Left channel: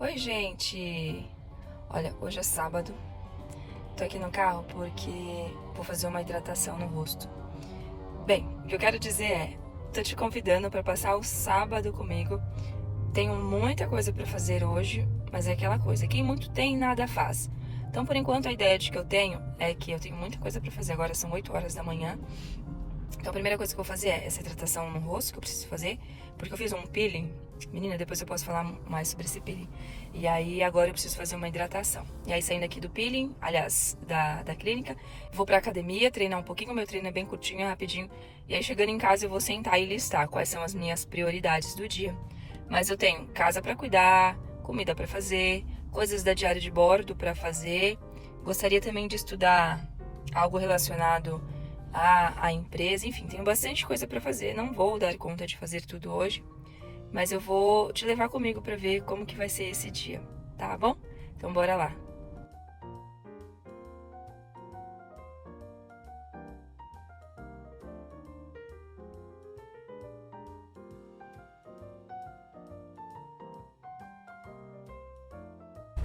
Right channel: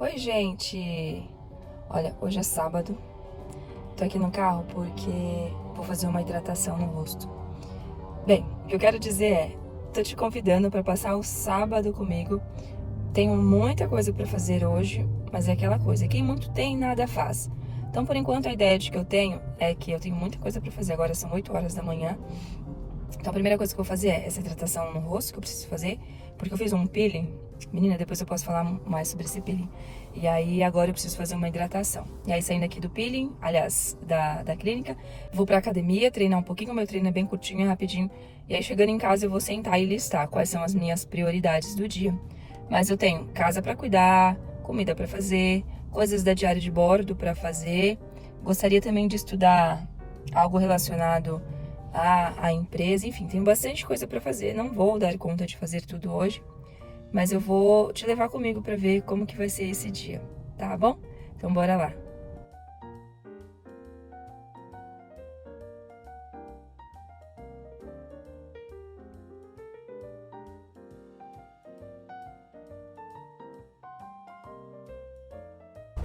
Oi, gente! Olha, hoje é sábado. Tô aqui no carro porque vou fazer uma hidratação no rosto. Bem, o que eu quero dizer é, tô te convidando para passar o sábado comigo. Tenho muita coisa para fazer hoje, mas é aquela coisa, quem muito tem, nada faz. Então, por enquanto, a ideia de que eu tenho é que eu tenho muita coisa para fazer. Agora são 8 horas da manhã. Então, a primeira coisa que eu vou fazer é essa hidratação no rosto que eu preciso fazer, porque eu fiz um peeling. Menina, depois eu posso falar mais sobre esse peeling. E aí, agora eu preciso fazer uma hidratação. E aí, saindo aqui do peeling, aliás, da clínica, vou pra academia, treinar um pouquinho. O meu treino é bem curtinho, rapidinho. E aí, chegando em casa, eu vou sentar e listar quais são as minhas prioridades do dia. Mas eu tenho casa pra cuidar, comida pra fazer, coisas da diária de bordo pra fazer. Gostaria também de estudar algo relacionado à empresa. Enfim, tenho bastante coisa para fazer. Não vou dar conta de fazer tudo hoje, mas eu vou te levar comigo para ver como que vai ser esse dia, tá bom? Então bora lá.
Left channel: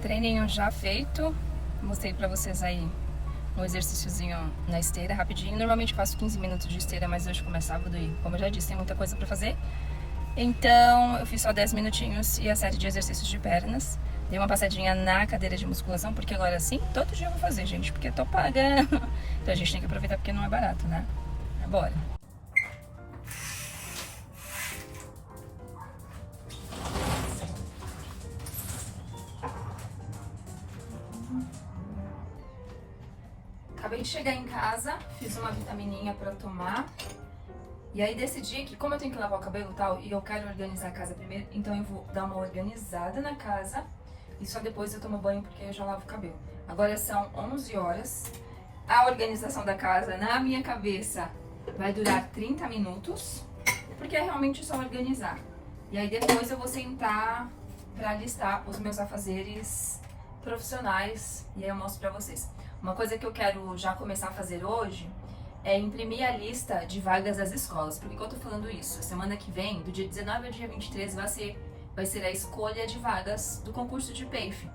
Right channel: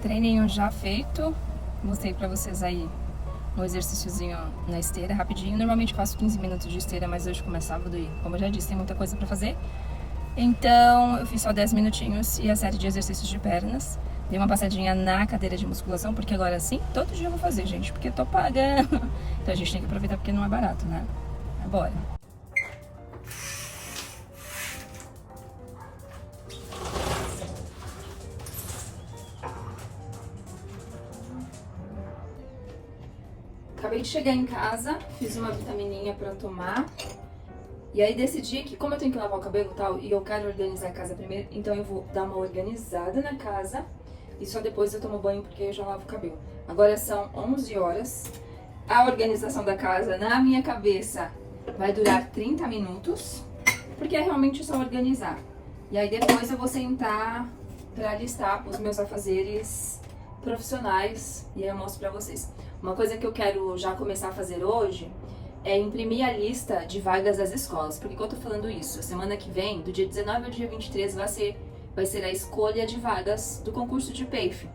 Treininho já feito. Mostrei para vocês aí um exercíciozinho na esteira, rapidinho. Normalmente faço 15 minutos de esteira, mas hoje começa sábado e, como eu já disse, tem muita coisa para fazer. Então, eu fiz só 10 minutinhos e a série de exercícios de pernas. Dei uma passadinha na cadeira de musculação, porque agora sim, todo dia eu vou fazer, gente, porque eu tô pagando. Então a gente tem que aproveitar porque não é barato, né? Bora. Acabei de chegar em casa, fiz uma vitamininha pra tomar. E aí decidi que, como eu tenho que lavar o cabelo e tal, e eu quero organizar a casa primeiro, então eu vou dar uma organizada na casa e só depois eu tomo banho porque eu já lavo o cabelo. Agora são 11 horas. A organização da casa na minha cabeça vai durar 30 minutos, porque é realmente só organizar. E aí depois eu vou sentar pra listar os meus afazeres profissionais e aí eu mostro pra vocês. Uma coisa que eu quero já começar a fazer hoje é imprimir a lista de vagas das escolas. Por que eu tô falando isso? A semana que vem, do dia 19 ao dia 23, vai ser a escolha de vagas do concurso de PAFE.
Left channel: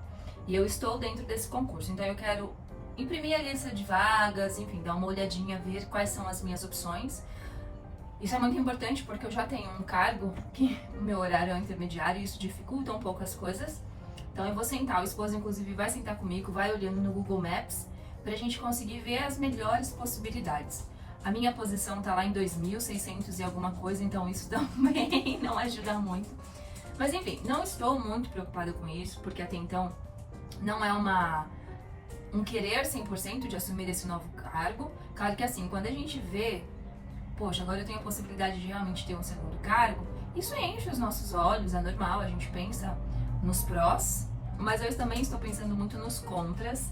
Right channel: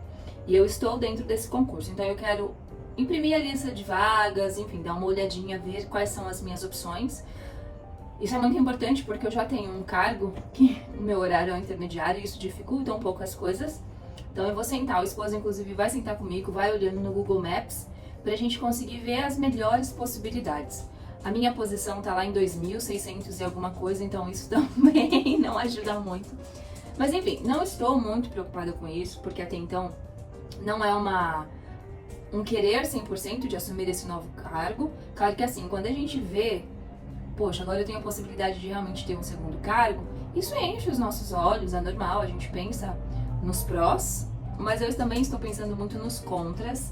E eu estou dentro desse concurso, então eu quero imprimir a lista de vagas, enfim, dar uma olhadinha, ver quais são as minhas opções. Isso é muito importante porque eu já tenho um cargo que o meu horário é intermediário e isso dificulta um pouco as coisas. Então eu vou sentar, o esposo inclusive vai sentar comigo, vai olhando no Google Maps pra gente conseguir ver as melhores possibilidades. A minha posição tá lá em 2.600 e alguma coisa, então isso também não ajuda muito. Mas enfim, não estou muito preocupada com isso, porque até então não é um querer 100% de assumir esse novo cargo. Claro que assim, quando a gente vê, poxa, agora eu tenho a possibilidade de realmente ter um segundo cargo, isso enche os nossos olhos, é normal, a gente pensa nos prós, mas eu também estou pensando muito nos contras.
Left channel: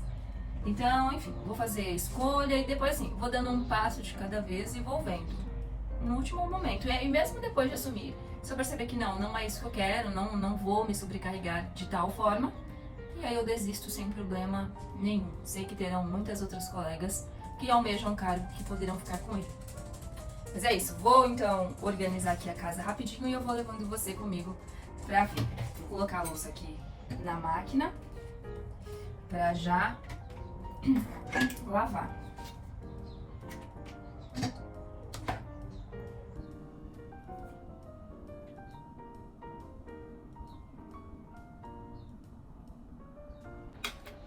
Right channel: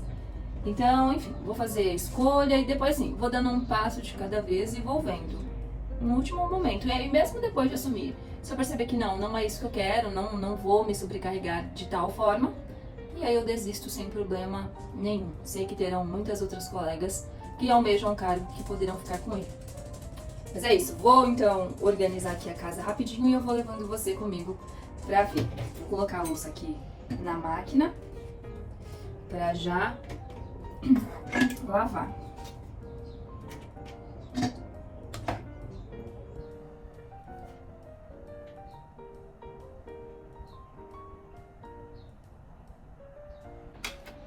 Então, enfim, vou fazer a escolha e depois, assim, vou dando um passo de cada vez e vou vendo no último momento. E aí, mesmo depois de assumir, se eu perceber que não é isso que eu quero, não vou me sobrecarregar de tal forma, e aí eu desisto sem problema nenhum. Sei que terão muitas outras colegas que almejam o cargo que poderão ficar com ele. Mas é isso, vou então organizar aqui a casa rapidinho e eu vou levando você comigo pra ver. Vou colocar a luz aqui na máquina pra já lavar.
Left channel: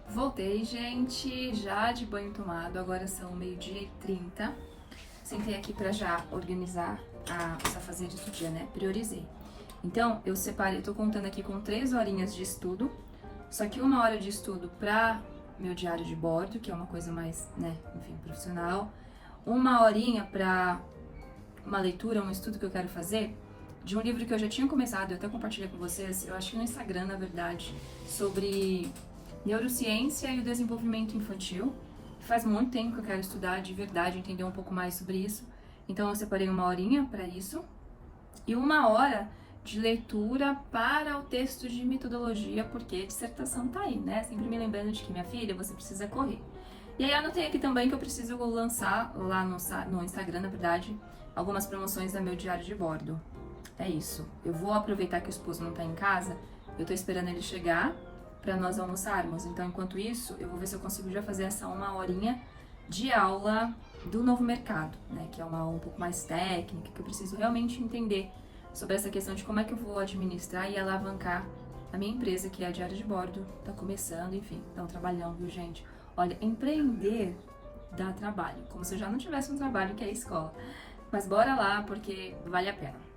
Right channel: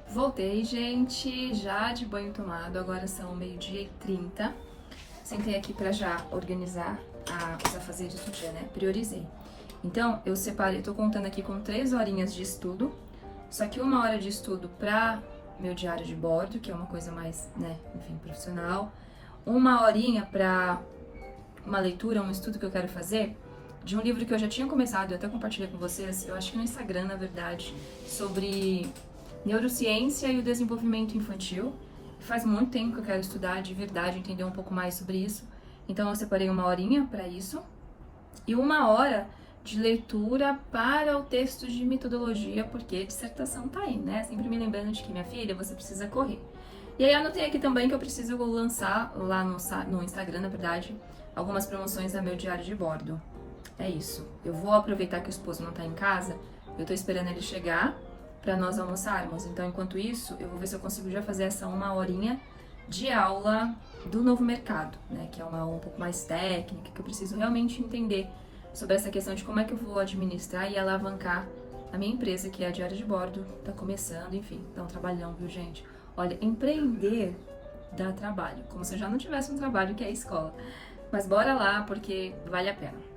Voltei, gente, já de banho tomado, agora são 12h30. Sentei aqui pra já organizar os afazeres do dia, né? Priorizei. Então, eu separei, tô contando aqui com 3 horinhas de estudo, só que 1 hora de estudo pra meu diário de bordo, que é uma coisa mais, né, enfim, profissional. 1 horinha pra uma leitura, um estudo que eu quero fazer de um livro que eu já tinha começado, eu até compartilhei com vocês, eu acho que no Instagram, na verdade, sobre neurociência e o desenvolvimento infantil. Faz muito tempo que eu quero estudar de verdade, entender um pouco mais sobre isso. Então eu separei 1 horinha para isso e 1 hora de leitura para o texto de metodologia, porque a dissertação tá aí, né? Sempre me lembrando de que, minha filha, você precisa correr. E aí anotei aqui também que eu preciso lançar lá no Instagram, na verdade, algumas promoções do meu diário de bordo. É isso. Eu vou aproveitar que o esposo não tá em casa Eu tô esperando ele chegar para nós almoçarmos. Então, enquanto isso, eu vou ver se eu consigo já fazer essa 1 horinha de aula do novo mercado, né? Que é uma aula um pouco mais técnica, que eu preciso realmente entender sobre essa questão de como é que eu vou administrar e alavancar a minha empresa, que é a Diária de Bordo. Tá começando, enfim, dá um trabalhão, viu, gente? Olha, empreender dá trabalho, como se eu já não tivesse um trabalho que é a escola. Mas bora lá, porque vale a pena.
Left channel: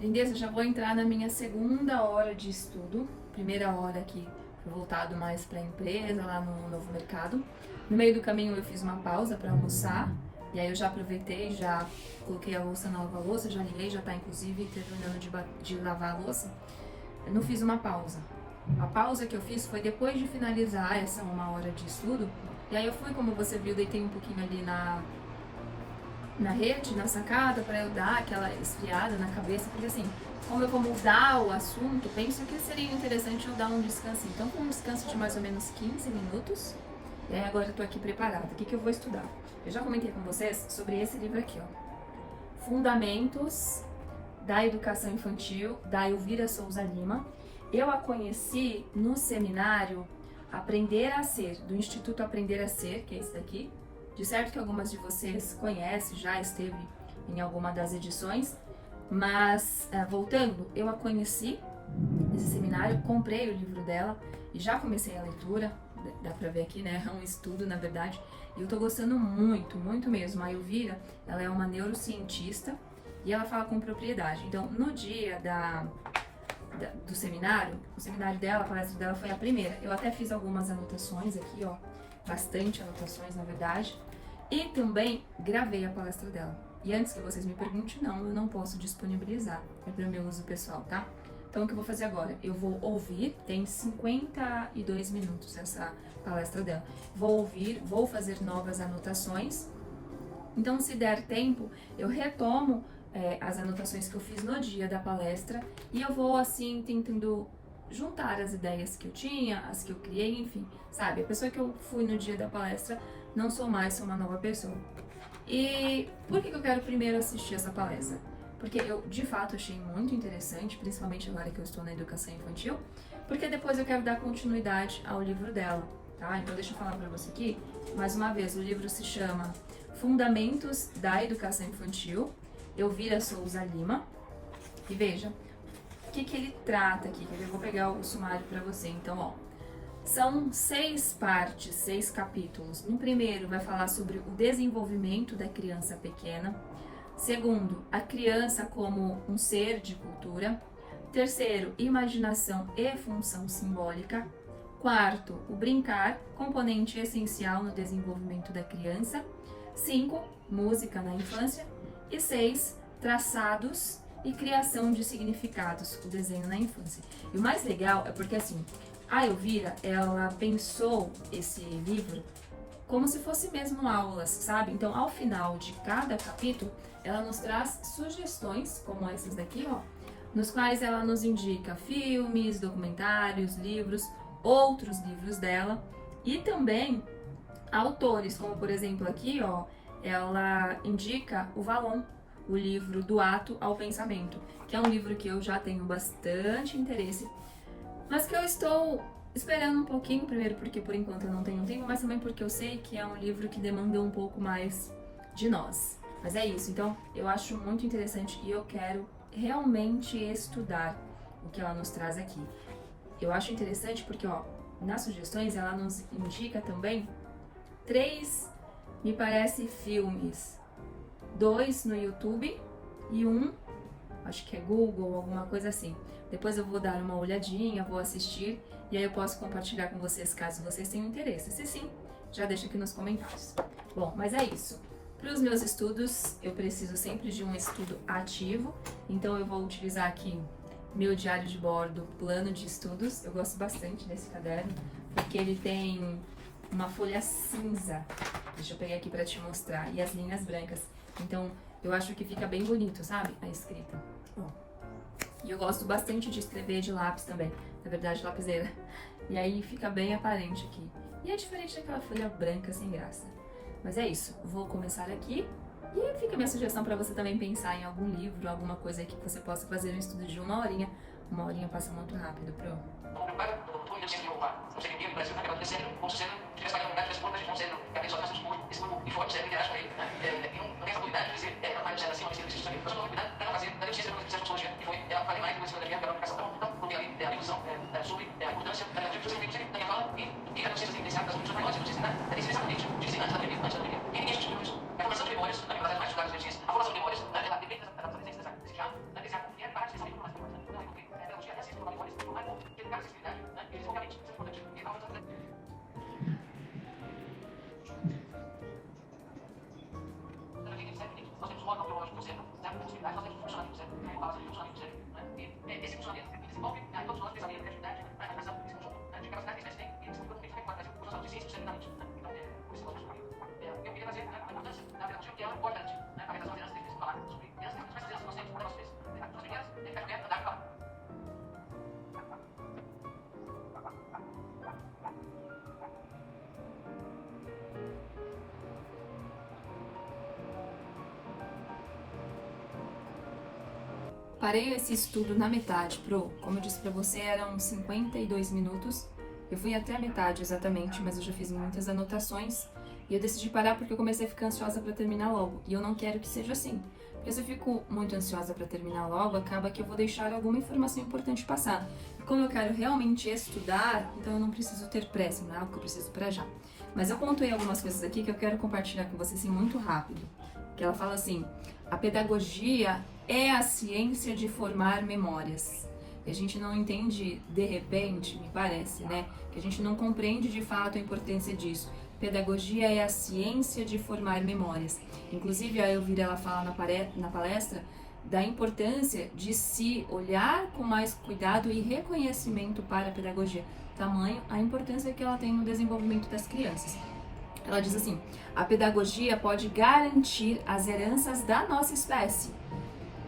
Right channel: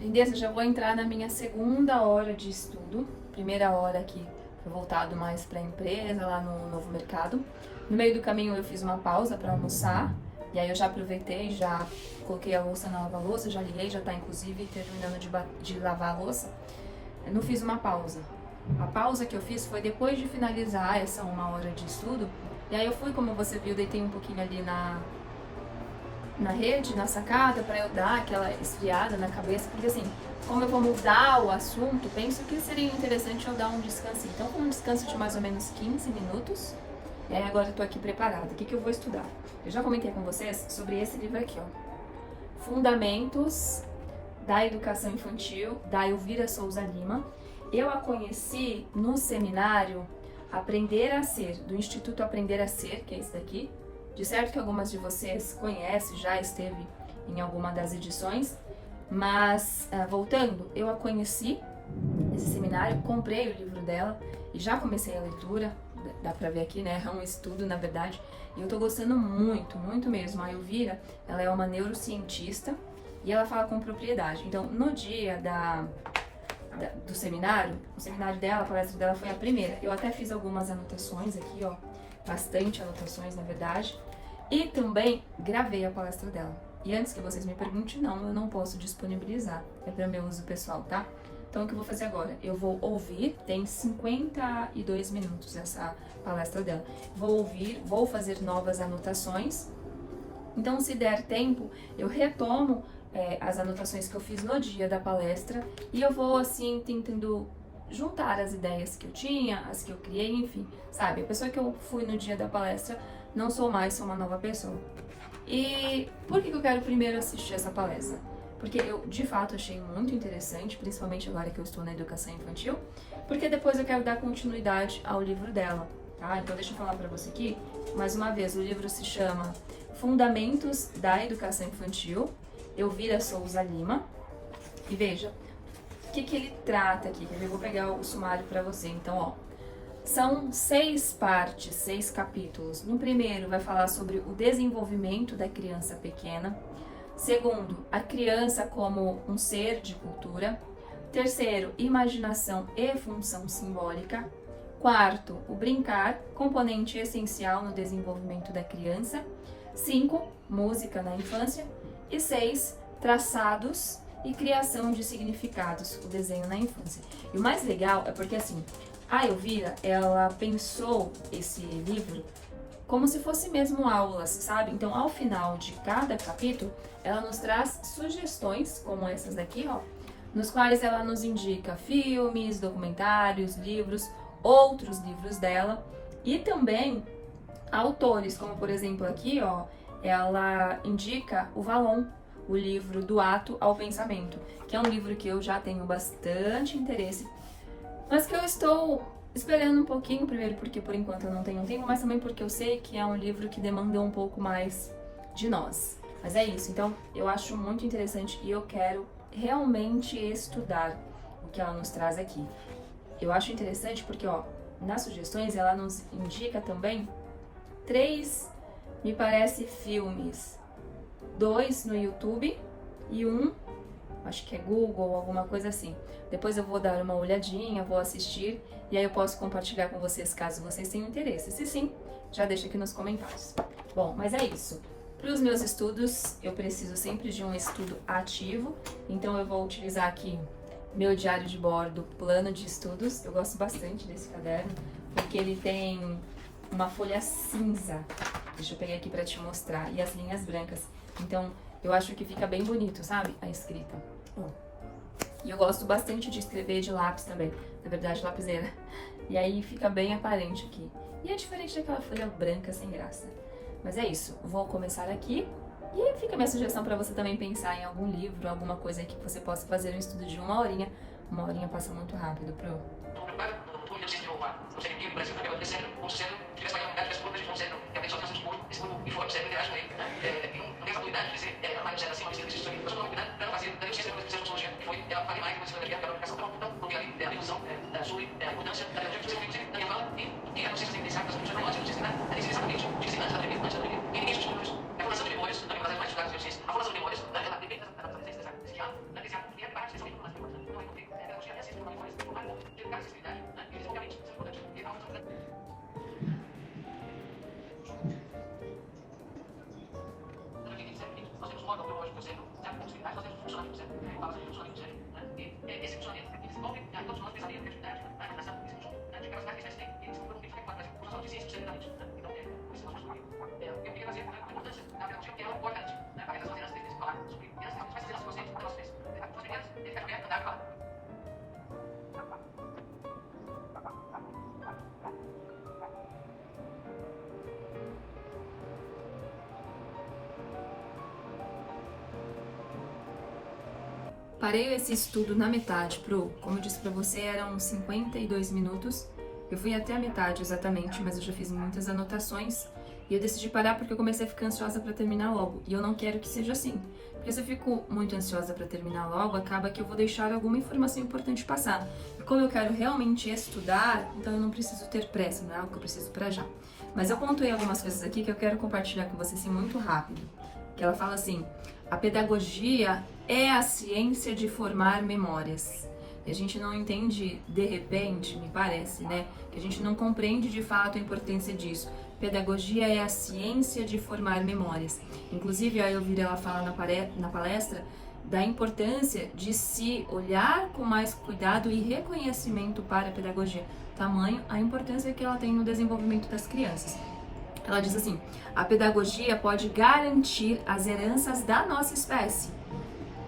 Lindeza, já vou entrar na minha segunda hora de estudo. Primeira hora aqui foi voltado mais para a empresa, lá no novo mercado. No meio do caminho eu fiz uma pausa para almoçar. E aí eu já aproveitei, já coloquei a louça na lava-louça, já liguei, já tá inclusive terminando de lavar a louça. Eu não fiz uma pausa. A pausa que eu fiz foi depois de finalizar essa 1 hora de estudo. E aí eu fui, como você viu, deitei um pouquinho ali na rede, na sacada, para eu dar aquela esfriada na cabeça, porque assim, como eu vou mudar o assunto, penso que seria interessante eu dar um descanso. Então, foi um descanso de mais ou menos 15 minutos, e aí agora eu tô aqui preparada. O que que eu vou estudar? Eu já comentei com vocês sobre esse livro aqui, ó. Fundamentos da Educação Infantil, da Elvira Souza Lima. Eu a conheci no seminário Aprender a Ser, do Instituto Aprender a Ser, que é esse daqui. De certo que algumas de vocês conhecem, já esteve em alguma das edições, mas voltando, eu a conheci nesse seminário, comprei o livro dela e já comecei a leitura, dá pra ver aqui, né, é um estudo na verdade, e eu tô gostando muito, muito mesmo. A Elvira, ela é uma neurocientista e ela fala com propriedade. Então, no dia do seminário, o seminário dela, a palestra dela foi a primeira. Eu até fiz algumas anotações aqui, ó, bastante anotações na verdade. E também gravei a palestra dela. E antes que vocês me perguntem, não, eu não posso disponibilizar. É para meu uso pessoal, tá? Então, o que eu vou fazer agora? Eu vou ouvir, tem 52 minutos essa palestra dela. Vou ouvir, vou fazer novas anotações. Então, se der tempo, eu retomo as anotações que eu fiz no dia da palestra e eu vou, assim, tentando juntar as ideias que eu tinha, as que eu criei, enfim, sabe? A pessoa que eu fui no dia da palestra, não sou mais, sou uma nova pessoa. E por que eu quero primeiro assistir essa palestra? Porque eu, de fato, achei muito interessante, principalmente agora que eu estou na educação infantil, porque depois eu quero dar continuidade ao livro dela, tá? Então deixa eu falar pra você aqui, mais uma vez, o livro se chama Fundamentos da Educação Infantil, Elvira Souza Lima, e veja, o que ele trata aqui? Eu vou pegar o sumário pra você, então, ó. São 6 partes, 6 capítulos. No primeiro vai falar sobre o desenvolvimento da criança pequena. Segundo, a criança como um ser de cultura. Terceiro, imaginação e função simbólica. Quarto, o brincar, componente essencial no desenvolvimento da criança. 5, música na infância. E 6, traçados e criação de significados, o desenho na infância. E o mais legal é porque assim, a Elvira, ela pensou esse livro como se fosse mesmo aulas, sabe? Então, ao final de cada capítulo, ela nos traz sugestões, como essas daqui, ó, nos quais ela nos indica filmes, documentários, livros, outros livros dela e também autores, como por exemplo aqui, ó, ela indica o Valon, o livro Do Ato ao Pensamento, que é um livro que eu já tenho bastante interesse, mas que eu estou esperando um pouquinho, primeiro porque por enquanto eu não tenho tempo, mas também porque eu sei que é um livro que demanda um pouco mais de nós. Mas é isso, então eu acho muito interessante e eu quero realmente estudar o que ela nos traz aqui. Eu acho interessante porque, ó, nas sugestões ela nos indica também 3, me parece, filmes. 2 no YouTube e 1, acho que é Google, alguma coisa assim. Depois eu vou dar uma olhadinha, vou assistir e aí eu posso compartilhar com vocês caso vocês tenham interesse. Se sim, já deixa aqui nos comentários. Bom, mas é isso. Para os meus estudos, eu preciso sempre de um estudo ativo, então eu vou utilizar aqui meu diário de bordo, plano de estudos. Eu gosto bastante desse caderno, porque ele tem uma folha cinza. Deixa eu pegar aqui para te mostrar. E as linhas brancas. Então, eu acho que fica bem bonito, sabe? A escrita. E eu gosto bastante de escrever de lápis também. Na verdade, lapiseira. E aí fica bem aparente aqui. E é diferente daquela folha branca sem graça. Mas é isso. Vou começar aqui. E fica a minha sugestão para você também pensar em algum livro, alguma coisa que você possa fazer um estudo de 1 horinha. 1 horinha passa muito rápido, pro. Parei esse estudo na metade, Pro. Como eu disse pra você, eram 52 minutos. Eu fui até a metade exatamente, mas eu já fiz muitas anotações. E eu decidi parar porque eu comecei a ficar ansiosa pra terminar logo. E eu não quero que seja assim. Porque se eu fico muito ansiosa pra terminar logo, acaba que eu vou deixar alguma informação importante passar. E como eu quero realmente estudar, então eu não preciso ter pressa, não é algo que eu preciso pra já. Mas eu pontuei algumas coisas aqui que eu quero compartilhar com você assim muito rápido. Que ela fala assim: a pedagogia é a ciência de formar memórias. E a gente não entende de repente, me parece, né? Que a gente não compreende de fato a importância disso. Pedagogia é a ciência de formar memórias. Inclusive, a Elvira, ela fala na palestra da importância de se olhar com mais cuidado e reconhecimento para a pedagogia. Tamanho a importância que ela tem no desenvolvimento das crianças. Ela diz assim: a pedagogia pode garantir as heranças da nossa espécie.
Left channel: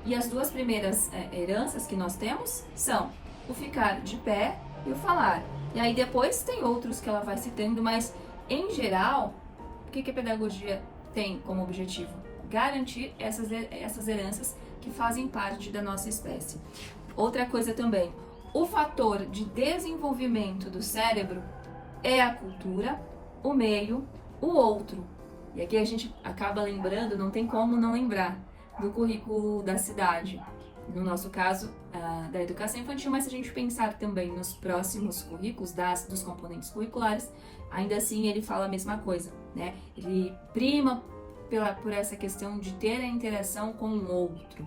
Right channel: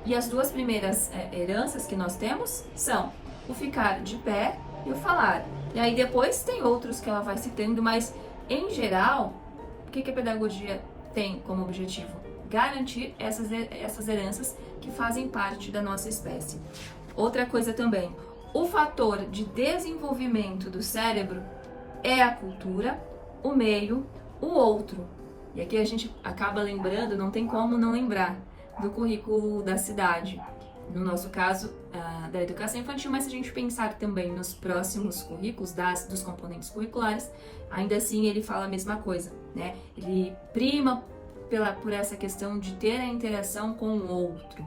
E as duas primeiras heranças que nós temos são o ficar de pé e o falar. E aí depois tem outros que ela vai citando, mas em geral, o que a pedagogia tem como objetivo? Garantir essas heranças que fazem parte da nossa espécie. Outra coisa também, o fator de desenvolvimento do cérebro é a cultura, o meio, o outro. E aqui a gente acaba lembrando, não tem como não lembrar, do currículo da cidade. no nosso caso, da educação infantil, mas se a gente pensar também nos próximos currículos, dos componentes curriculares, ainda assim ele fala a mesma coisa, né? Ele prima por essa questão de ter a interação com o outro,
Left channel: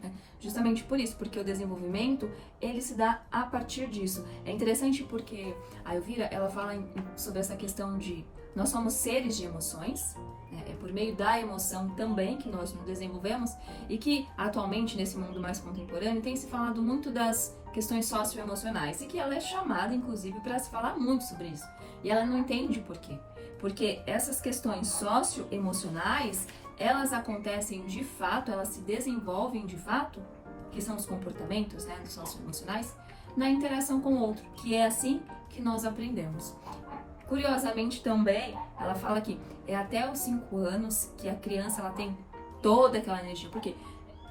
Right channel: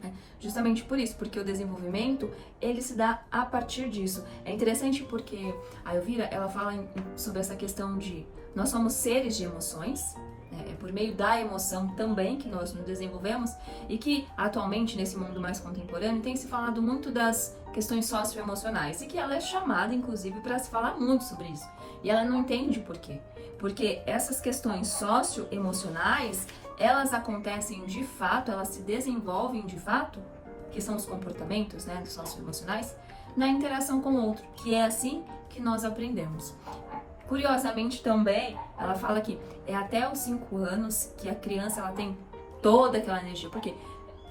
né? Justamente por isso, porque o desenvolvimento, ele se dá a partir disso. É interessante porque a Elvira, ela fala sobre essa questão de nós somos seres de emoções, né? É por meio da emoção também que nós nos desenvolvemos, e que atualmente nesse mundo mais contemporâneo tem se falado muito das questões socioemocionais, e que ela é chamada inclusive para se falar muito sobre isso, e ela não entende por quê. Porque essas questões socioemocionais, elas acontecem de fato, elas se desenvolvem de fato, que são os comportamentos, né, socioemocionais, na interação com o outro, que é assim que nós aprendemos. Curiosamente também, ela fala que é até os 5 anos que a criança ela tem toda aquela energia, porque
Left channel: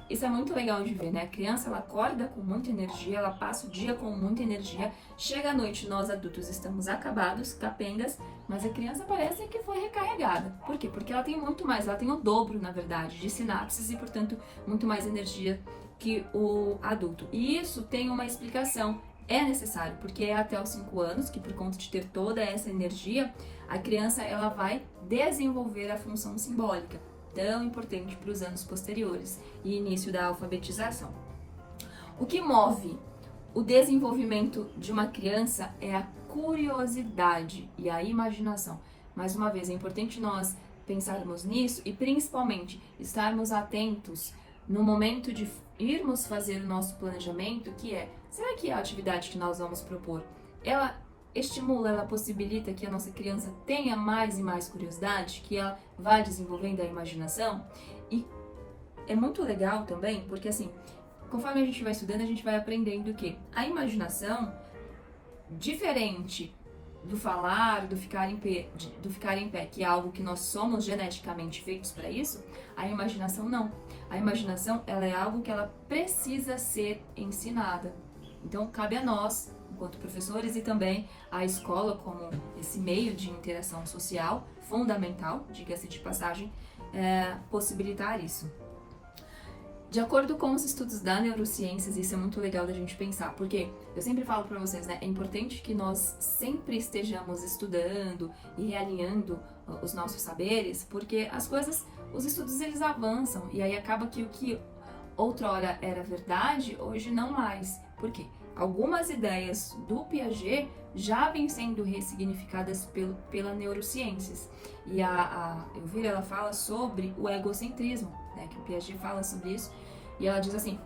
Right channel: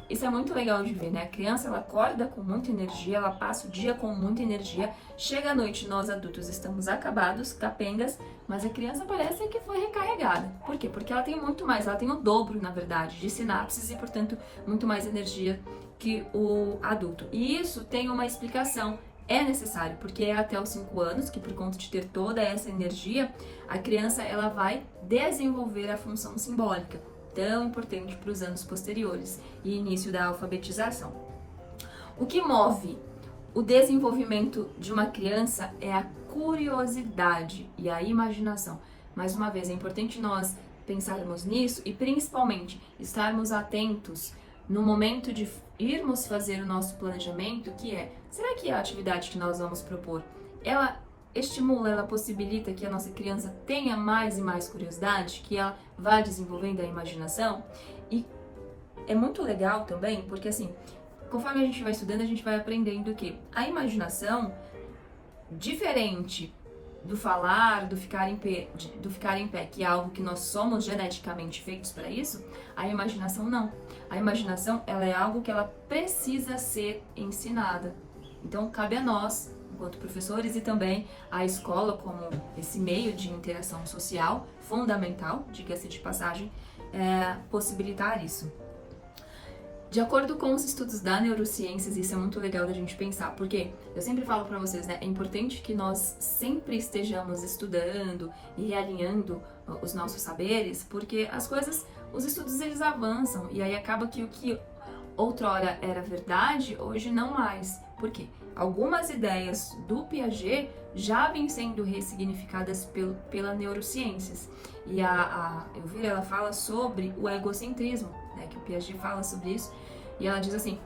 isso é muito legal de ver, né? A criança ela acorda com muita energia, ela passa o dia com muita energia, chega à noite, nós adultos estamos acabados, capengas, mas a criança parece que foi recarregada. Por quê? Porque ela tem muito mais, ela tem o dobro, na verdade, de sinapses e, portanto, muito mais energia que o adulto. E isso tem uma explicação. É necessário, porque é até os 5 anos que, por conta de ter toda essa energia, a criança ela vai desenvolver a função simbólica, tão importante para os anos posteriores e início da alfabetização. O que move o desenvolvimento de uma criança é a curiosidade e a imaginação. Mais uma vez, é importante nós pensarmos nisso e principalmente estarmos atentos no momento de irmos fazer o nosso planejamento, que é, será que a atividade que nós vamos propor, ela estimula, ela possibilita que a nossa criança tenha mais e mais curiosidade, que ela vá desenvolvendo a imaginação? E é muito legal também, porque assim, conforme a gente vai estudando, a gente vai aprendendo que a imaginação, diferente do falar, do ficar em pé, que é algo que nós somos geneticamente feitos para isso, a imaginação não. A imaginação, ela é algo que ela precisa ser ensinada. Então, cabe a nós, enquanto professores, e também a escola como esse meio de interação social fundamental, diga-se de passagem, possibilitar isso. De acordo com os estudos da neurociências, isso é muito legal da gente pensar, porque eu sempre falo para vocês, né, é importante que nós sempre estejamos estudando e realinhando os nossos saberes, porque as coisas, os estudos eles avançam, e aí acaba que o que outrora era verdade, hoje não mais. Por quê? Algumas ideias do Piaget já vêm sendo ressignificadas pela neurociências. E a Elvira, ela fala sobre o egocentrismo, né, que o Piaget fala sobre isso, e ela diz assim,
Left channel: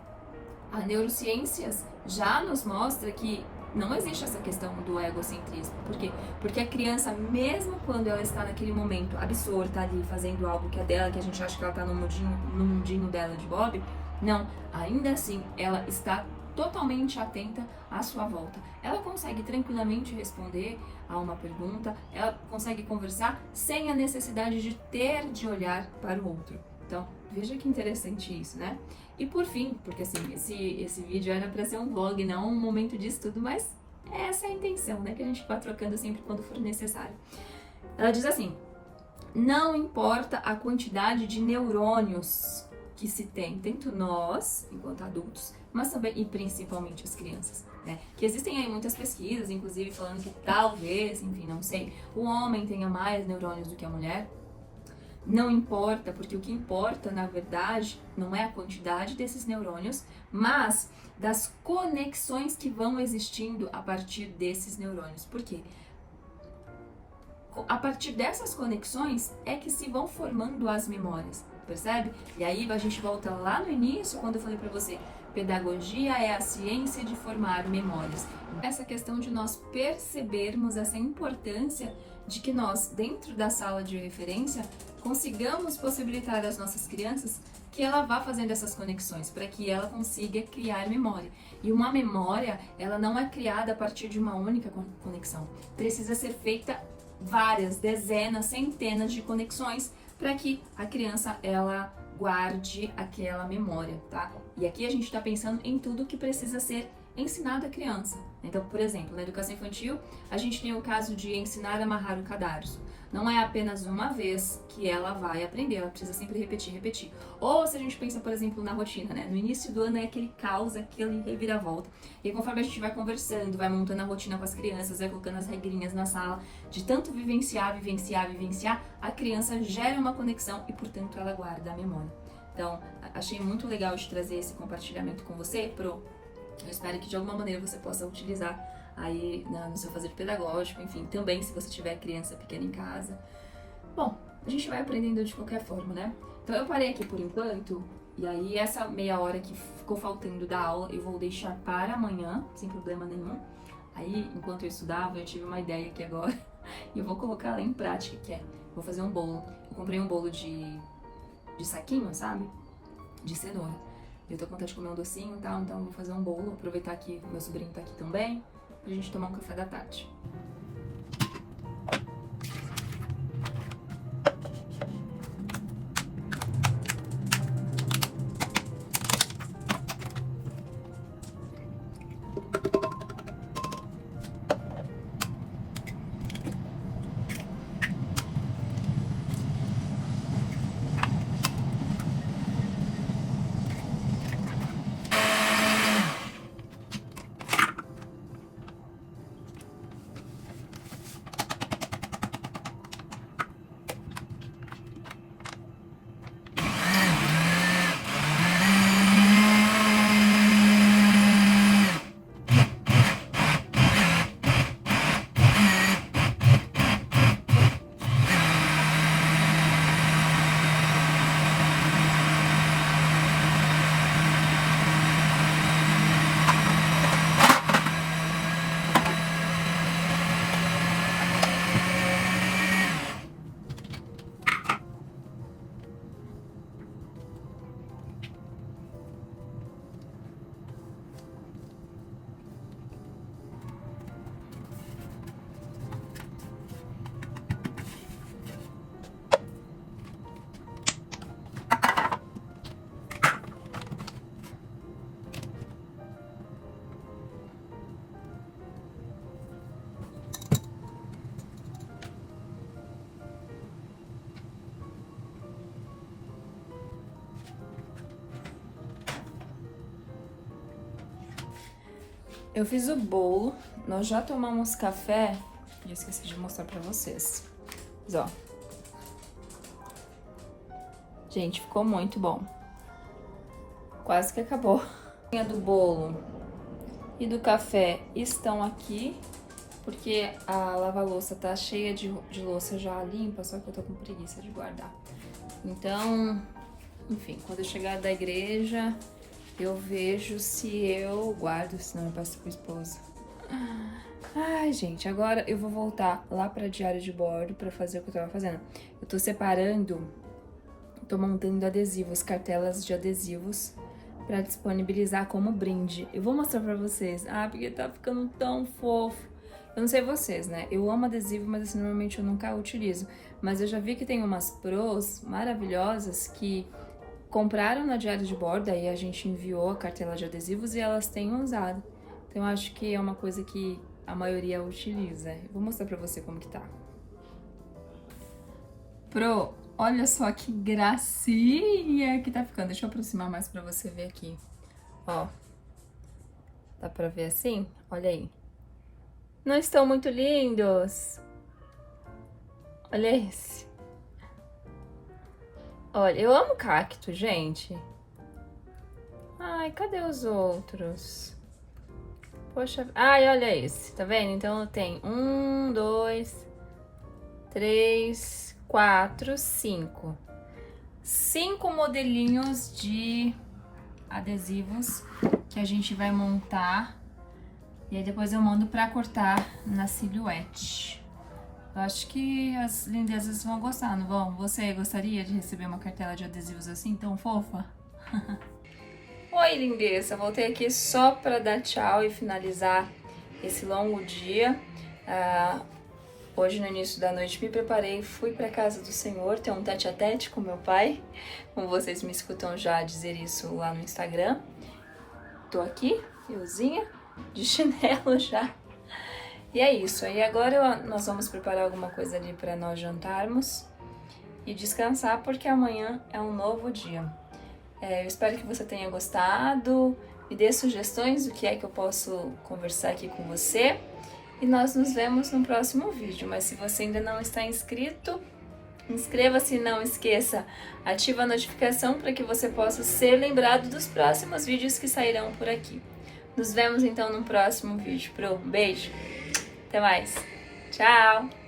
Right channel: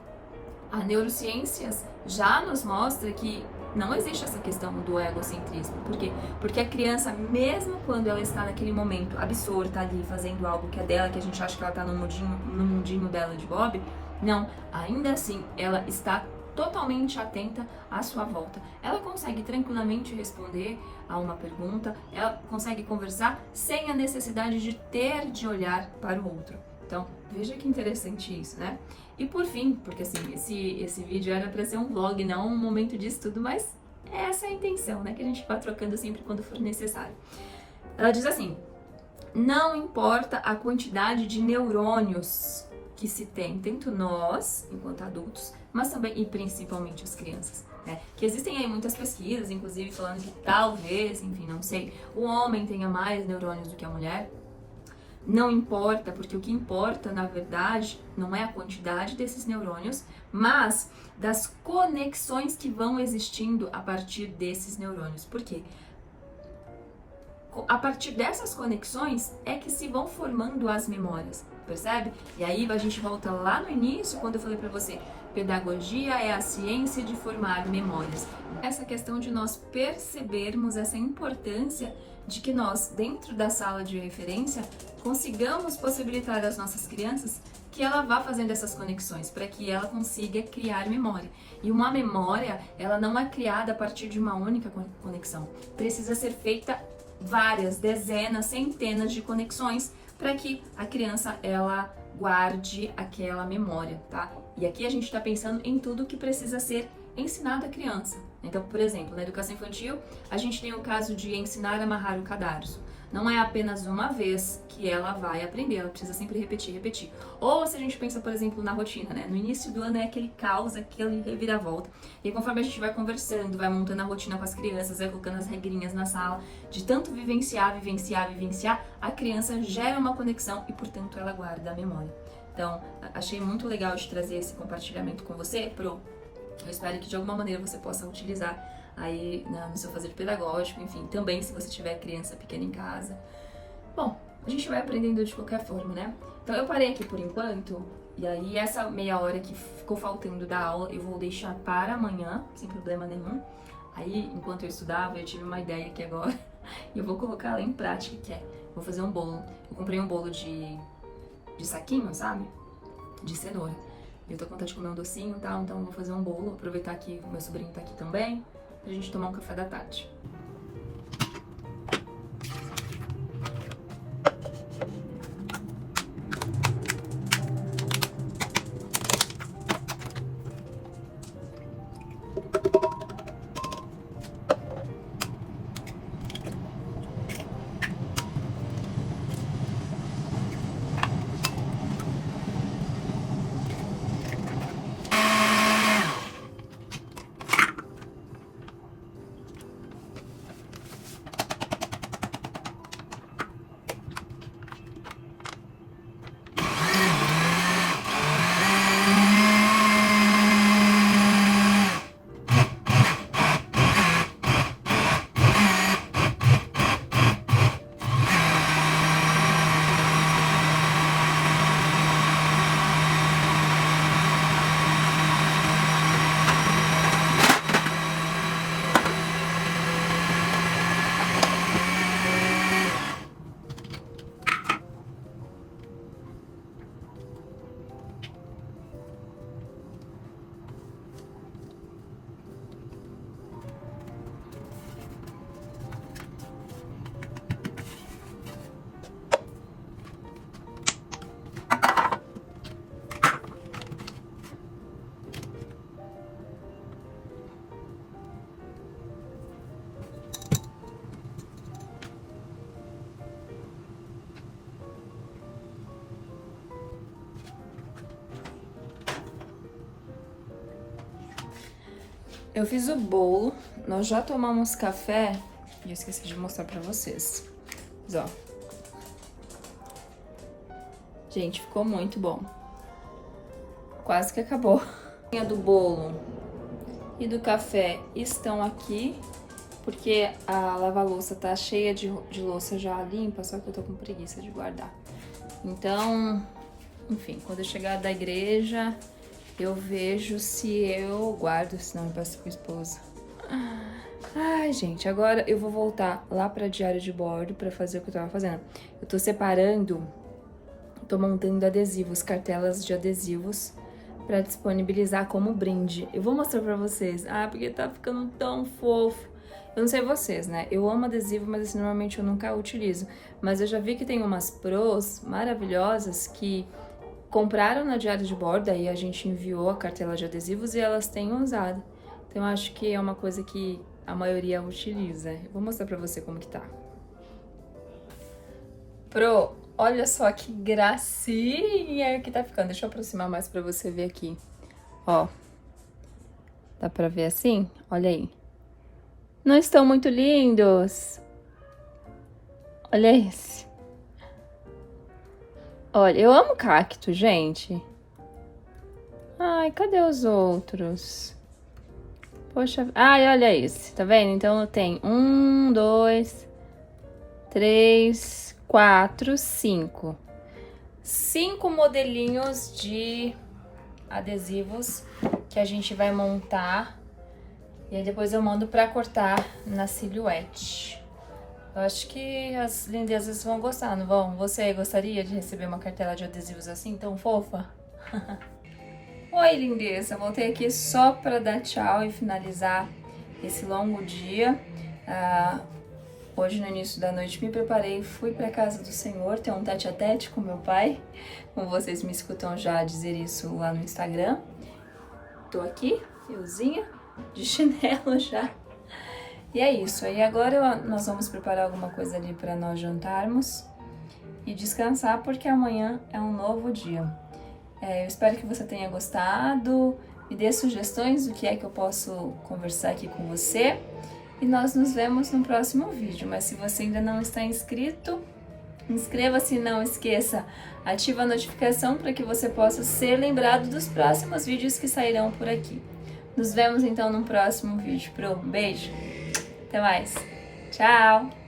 a neurociências já nos mostra que não existe essa questão do egocentrismo. Por quê? Porque a criança, mesmo quando ela está naquele momento absorta ali, fazendo algo que é dela, que a gente acha que ela está no mundinho dela de Bob, não, ainda assim, ela está totalmente atenta à sua volta. Ela consegue tranquilamente responder a uma pergunta, ela consegue conversar sem a necessidade de ter de olhar para o outro. Então, veja que interessante isso, né? E por fim, porque assim, esse vídeo era para ser um vlog, não um momento de estudo, mas essa é a intenção, né? Que a gente vá trocando sempre quando for necessário. Ela diz assim, não importa a quantidade de neurônios que se tem, tanto nós, enquanto adultos, mas também e principalmente as crianças, né? Que existem aí muitas pesquisas, inclusive falando que talvez, enfim, não sei, o homem tenha mais neurônios do que a mulher. Não importa, porque o que importa, na verdade, não é a quantidade desses neurônios, mas das conexões que vão existindo a partir desses neurônios. Por quê? A partir dessas conexões é que se vão formando as memórias, percebe? E aí a gente volta lá no início, quando eu falei para você, pedagogia é a ciência de formar memórias. Essa questão de nós percebermos essa importância de que nós, dentro da sala de referência, consigamos possibilitar às nossas crianças que ela vá fazendo essas conexões, para que ela consiga criar memória. E uma memória, ela não é criada a partir de uma única conexão. Precisa ser feita várias, dezenas, centenas de conexões para que a criança, ela guarde aquela memória, tá? E aqui a gente está pensando em tudo que precisa ser ensinado à criança. Então, por exemplo, na educação infantil, a gente tem o caso de ensinar a amarrar o cadarço. não é apenas uma vez que ela vai aprender, ela precisa sempre repetir, repetir. Ou se a gente pensa, por exemplo, na rotina, né? No início do ano é aquele caos, aquele reviravolta. E aí, conforme a gente vai conversando, vai montando a rotina com as crianças, vai colocando as regrinhas na sala, de tanto vivenciar, vivenciar, vivenciar, a criança gera uma conexão e, portanto, ela guarda a memória. Então, achei muito legal de trazer esse compartilhamento com você, Pro. Eu espero que de alguma maneira você possa utilizar aí no seu fazer pedagógico, enfim, também se você tiver criança pequena em casa. Bom, a gente vai aprendendo de qualquer forma, né? Então eu parei aqui por enquanto, e aí essa meia hora que ficou faltando da aula eu vou deixar para amanhã, sem problema nenhum. Aí, enquanto eu estudava, eu tive uma ideia aqui agora, e eu vou colocar ela em prática, que é, vou fazer um bolo. Eu comprei um bolo de saquinho, sabe? De cenoura. Eu tô com vontade de comer um docinho e tal, então eu vou fazer um bolo, aproveitar que o meu sobrinho tá aqui também, pra gente tomar um café da tarde. Eu fiz o bolo, nós já tomamos café e eu esqueci de mostrar pra vocês. Mas, ó. Gente, ficou muito bom. Quase que acabou. A do bolo e do café estão aqui, porque a lava-louça tá cheia de louça já limpa, só que eu tô com preguiça de guardar. Então, enfim, quando eu chegar da igreja, eu vejo se eu guardo, senão eu passo pro esposo. Ai, gente, agora eu vou voltar lá pra diário de bordo pra fazer o que eu tava fazendo. Eu tô separando, tô montando adesivos, cartelas de adesivos pra disponibilizar como brinde. Eu vou mostrar pra vocês. Ah, porque tá ficando tão fofo. Eu não sei vocês, né? Eu amo adesivo, mas assim, normalmente eu nunca utilizo. Mas eu já vi que tem umas pros maravilhosas que compraram na diário de bordo, aí a gente enviou a cartela de adesivos e elas têm usado. Então eu acho que é uma coisa que a maioria utiliza. Eu vou mostrar pra você como que tá. Pro, olha só que gracinha que tá ficando. Deixa eu aproximar mais pra você ver aqui. Ó, dá pra ver assim? Olha aí. Não estão muito lindos? Olha esse. Olha, eu amo cacto, gente. Ai, cadê os outros? Poxa, ai, olha esse, tá vendo? Então eu tenho 1, 2, 3, 4, 5. 5 modelinhos de adesivos que a gente vai montar. E aí depois eu mando pra cortar na silhuete. Eu acho que as lindezas vão gostar, não vão? Você gostaria de receber uma cartela de adesivos assim, tão fofa? Oi, lindeza! Voltei aqui só para dar tchau e finalizar esse longo dia. Hoje, no início da noite, me preparei, fui para casa do Senhor, ter um tete-a-tete com meu pai. Como vocês me escutam já dizer isso lá no Instagram. Tô aqui, euzinha, de chinelo já. E é isso. Aí agora nós vamos preparar alguma coisa ali para nós jantarmos e descansar, porque amanhã é um novo dia. Eu espero que você tenha gostado. Me dê sugestões do que é que eu posso conversar aqui com você. E nós nos vemos no próximo vídeo. Mas se você ainda não está inscrito, inscreva-se e não esqueça, ativa a notificação para que você possa ser lembrado dos próximos vídeos que sairão por aqui. Nos vemos então no próximo vídeo. Beijo, até mais, tchau!